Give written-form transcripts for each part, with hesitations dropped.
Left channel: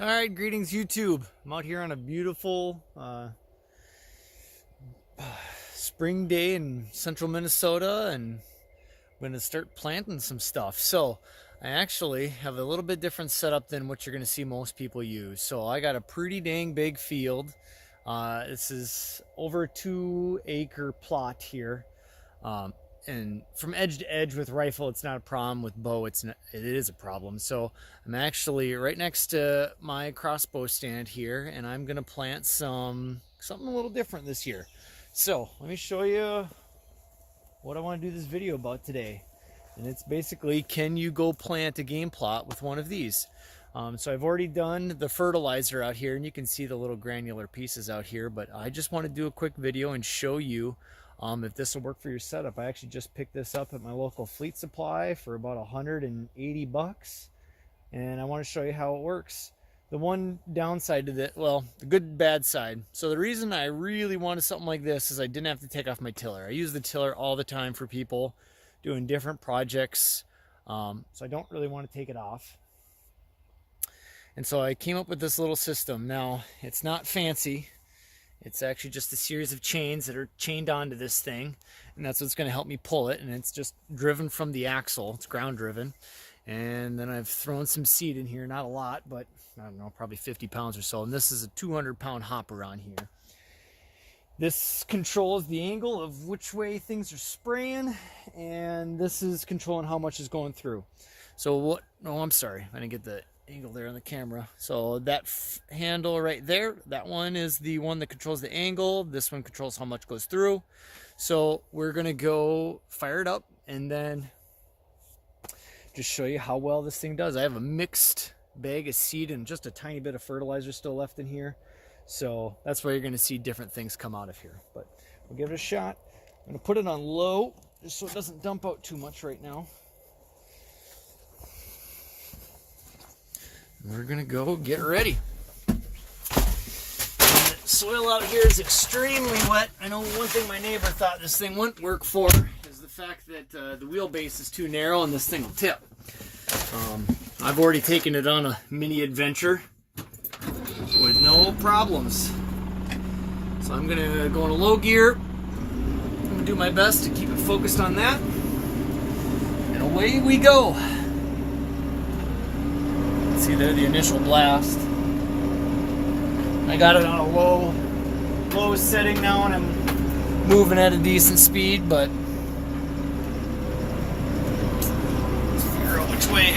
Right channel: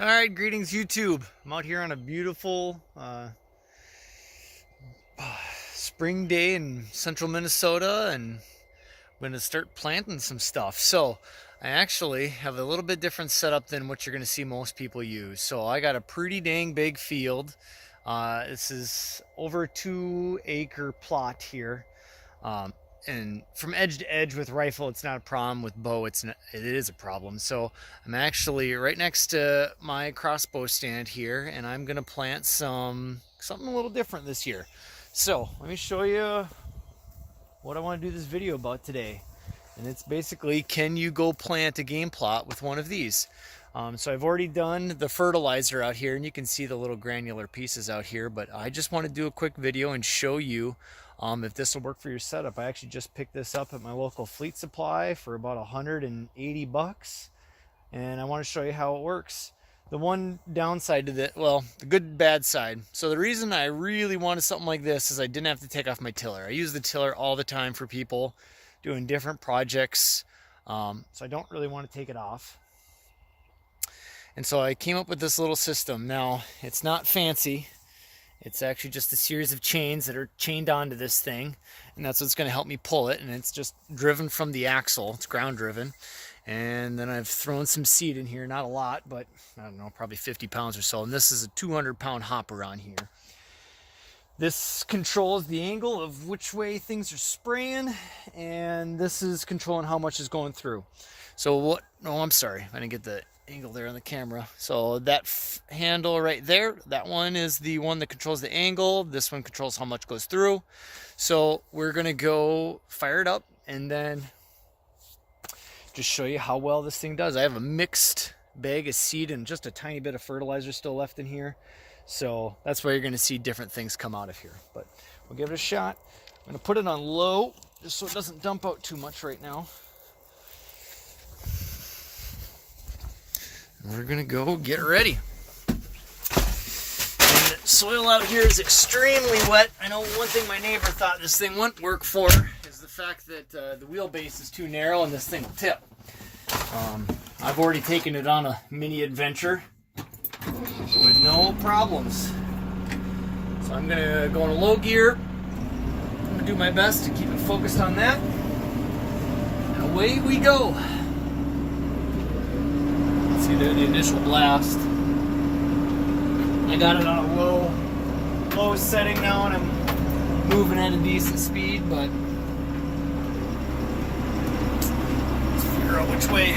All right, greetings YouTube. I'm out here on a beautiful spring day in central Minnesota, and I'm going to start planting some stuff. So I actually have a little bit different setup than what you're going to see most people use. So I got a pretty dang big field. This is over a 2-acre plot here. And from edge to edge with rifle, it's not a problem. With bow, it is a problem. So I'm actually right next to my crossbow stand here, and I'm gonna plant something a little different this year. So let me show you what I want to do this video about today. And it's basically, can you go plant a game plot with one of these? So I've already done the fertilizer out here, and you can see the little granular pieces out here, but I just want to do a quick video and show you if this will work for your setup. I actually just picked this up at my local Fleet Supply for about 180 bucks, and I want to show you how it works. The one downside to the, well, the good bad side. So the reason I really wanted something like this is I didn't have to take off my tiller. I use the tiller all the time for people doing different projects, so I don't really want to take it off. And so I came up with this little system. Now, it's not fancy. It's actually just a series of chains that are chained onto this thing, and that's what's going to help me pull it. And it's just driven from the axle. It's ground driven. And then I've thrown some seed in here, not a lot, but I don't know, probably 50 pounds or so. And this is a 200-pound hopper on here. This controls the angle of which way things are spraying, and this is controlling how much is going through. So what, oh, I'm sorry, I didn't get the angle there on the camera. So that handle right there, that one is the one that controls the angle. This one controls how much goes through. So we're gonna go fire it up and then just show you how well this thing does. I have a mixed bag of seed and just a tiny bit of fertilizer still left in here. So that's why you're gonna see different things come out of here. But we'll give it a shot. I'm gonna put it on low just so it doesn't dump out too much right now. We're gonna go get ready. The soil out here is extremely wet. I know one thing my neighbor thought this thing wouldn't work for is the fact that the wheelbase is too narrow and this thing will tip. I've already taken it on a mini adventure with no problems. So I'm gonna go in a low gear. I'm gonna do my best to keep it focused on that. And away we go. See there, the initial blast. I got it on a low setting now, and I'm moving at a decent speed, but let's figure out which way.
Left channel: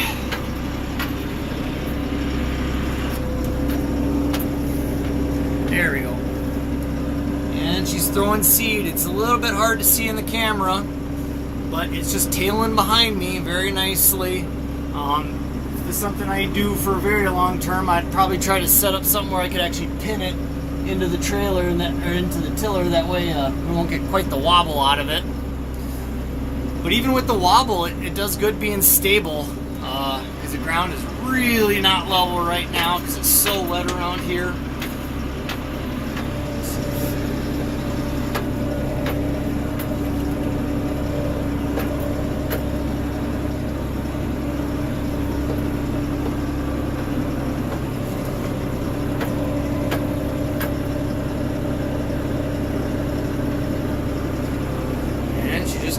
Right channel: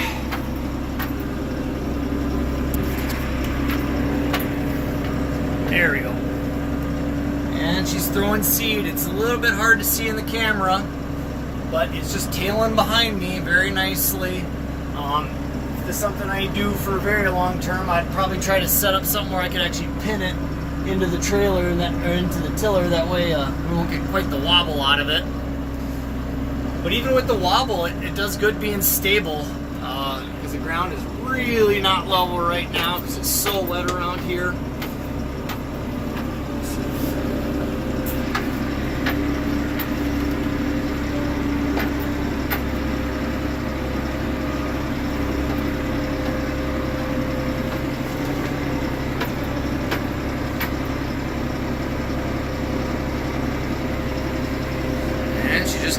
There we go. And she's throwing seed. It's a little bit hard to see in the camera, but it's just tailing behind me very nicely. This is something I do for a very long term. I'd probably try to set up something where I could actually pin it into the trailer and or into the tiller. That way we won't get quite the wobble out of it. But even with the wobble, it does good being stable, because the ground is really not level right now because it's so wet around here.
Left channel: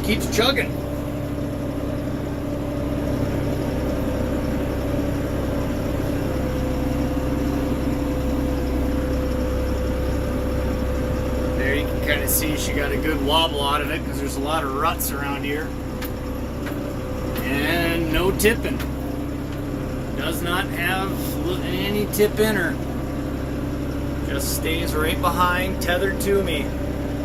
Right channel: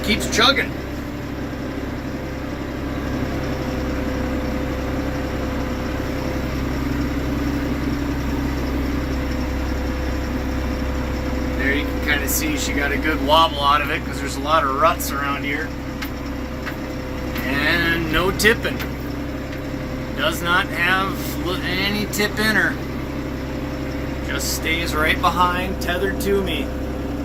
Keeps chugging. There you can kind of see she got a good wobble out of it because there's a lot of ruts around here. And no tipping. Does not have any tip in her. Just stays right behind, tethered to me.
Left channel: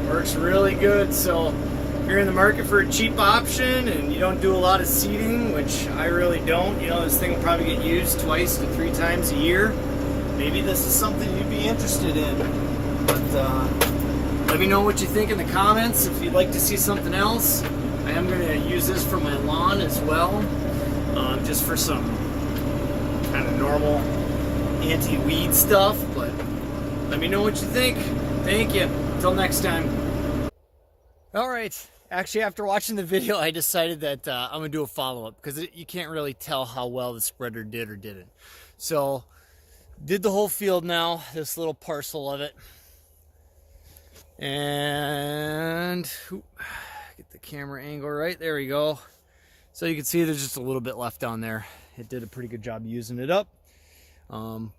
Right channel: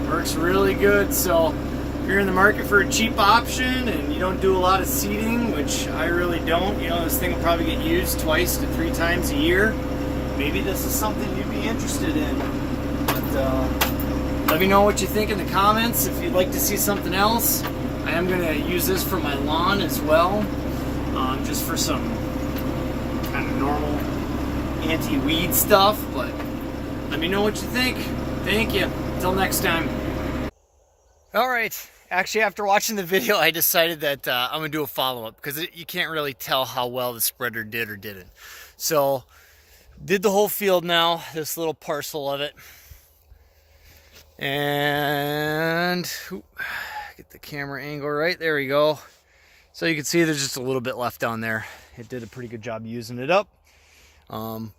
Works really good. So if you're in the market for a cheap option and you don't do a lot of seeding, which I really don't, you know, this thing will probably get used 2 to 3 times a year. Maybe this is something you'd be interested in. But let me know what you think in the comments. If you'd like to see something else, I am going to use this for my lawn as well, just for some kind of normal anti-weed stuff. But let me know what you think. Thank you. Until next time. All right. Actually, after watching the video, I decided that I'm going to do a follow-up because you can't really tell how well the spreader did or didn't. So Did the whole field now, this little parcel of it. And get the camera angle right. There we go. So you can see there's just a little bit left down there. It did a pretty good job using it up.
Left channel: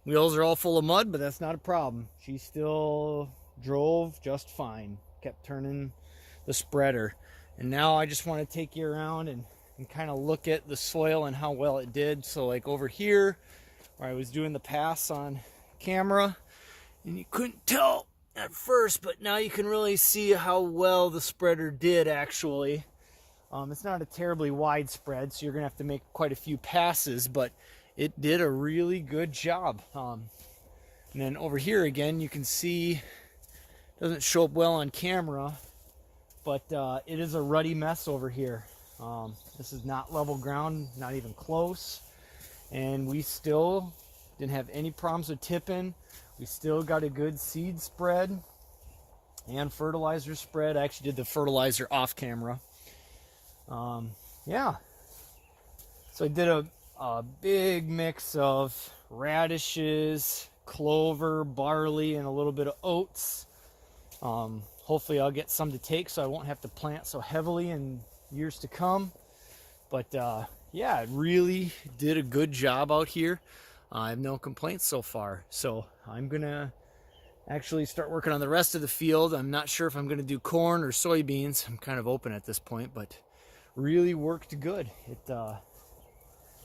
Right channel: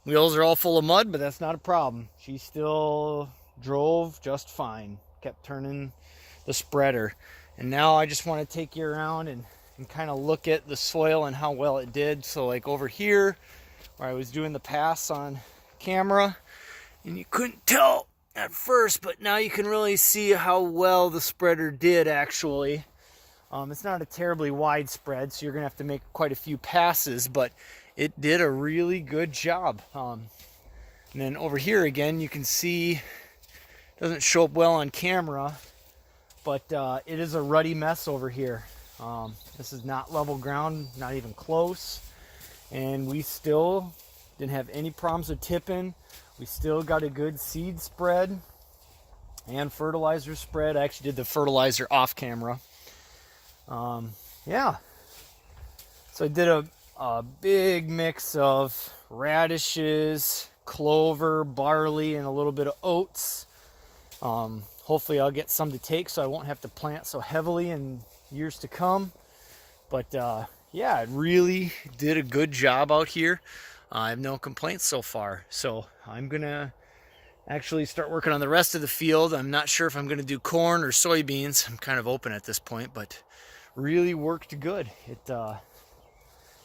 Wheels are all full of mud, but that's not a problem. She still drove just fine. Kept turning the spreader. And now I just want to take you around and kind of look at the soil and how well it did. So like over here, where I was doing the pass on camera, and you couldn't tell at first, but now you can really see how well the spreader did actually. It's not a terribly wide spread, so you're gonna have to make quite a few passes, but it did a really good job. And then over here again, you can see it doesn't show up well on camera, but it is a ruddy mess over here. This is not level ground, not even close, and we still didn't have any problems with tipping. We still got a good seed spread and fertilizer spread. I actually did the fertilizer off camera. Yeah, so I did a big mix of radishes, clover, barley, and a little bit of oats. Hopefully I'll get some to take so I won't have to plant so heavily in years to come. But yeah, it really did a good job out here. I have no complaints so far. So I'm gonna actually start working on the rest of the field. I'm not sure if I'm gonna do corn or soybeans. I'm kind of open at this point, but really worked good.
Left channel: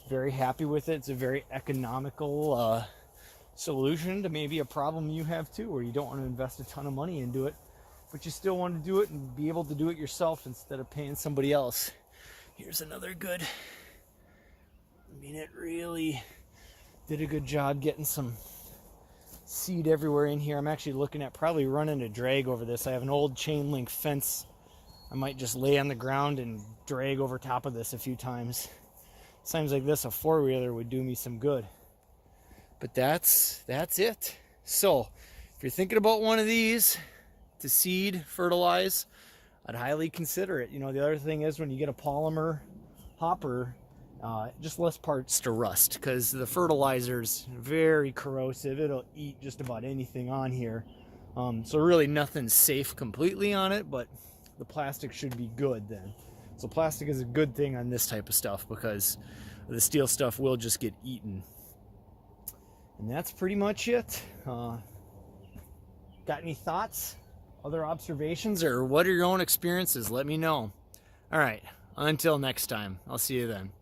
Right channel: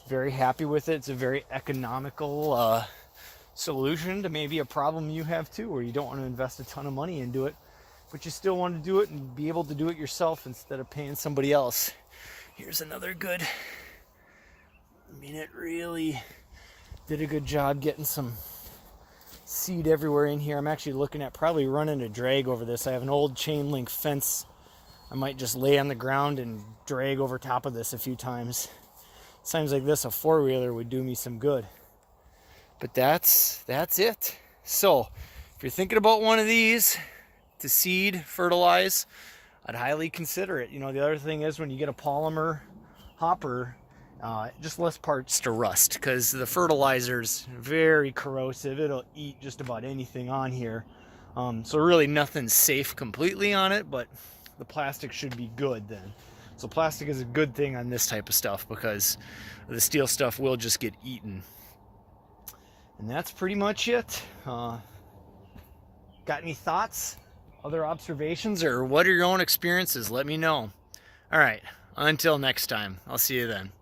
Very happy with it. It's a very economical solution to maybe a problem you have too, where you don't want to invest a ton of money into it, but you still want to do it and be able to do it yourself instead of paying somebody else. Here's another good. I mean, it really did a good job getting some seed everywhere in here. I'm actually looking at probably running a drag over this. I have an old chain link fence. I might just lay on the ground and drag over top of this a few times. Sounds like this, a four-wheeler would do me some good. But that's it. So if you're thinking about one of these to seed, fertilize, I'd highly consider it. You know, the other thing is when you get a polymer hopper, just less parts to rust, because the fertilizer's very corrosive. It'll eat just about anything on here. So really nothing's safe completely on it, but the plastic should be good then. So plastic is a good thing on this type of stuff because the steel stuff will just get eaten. And that's pretty much it. Got any thoughts, other observations, or what are your own experiences? Let me know. All right, until next time, I'll see you then.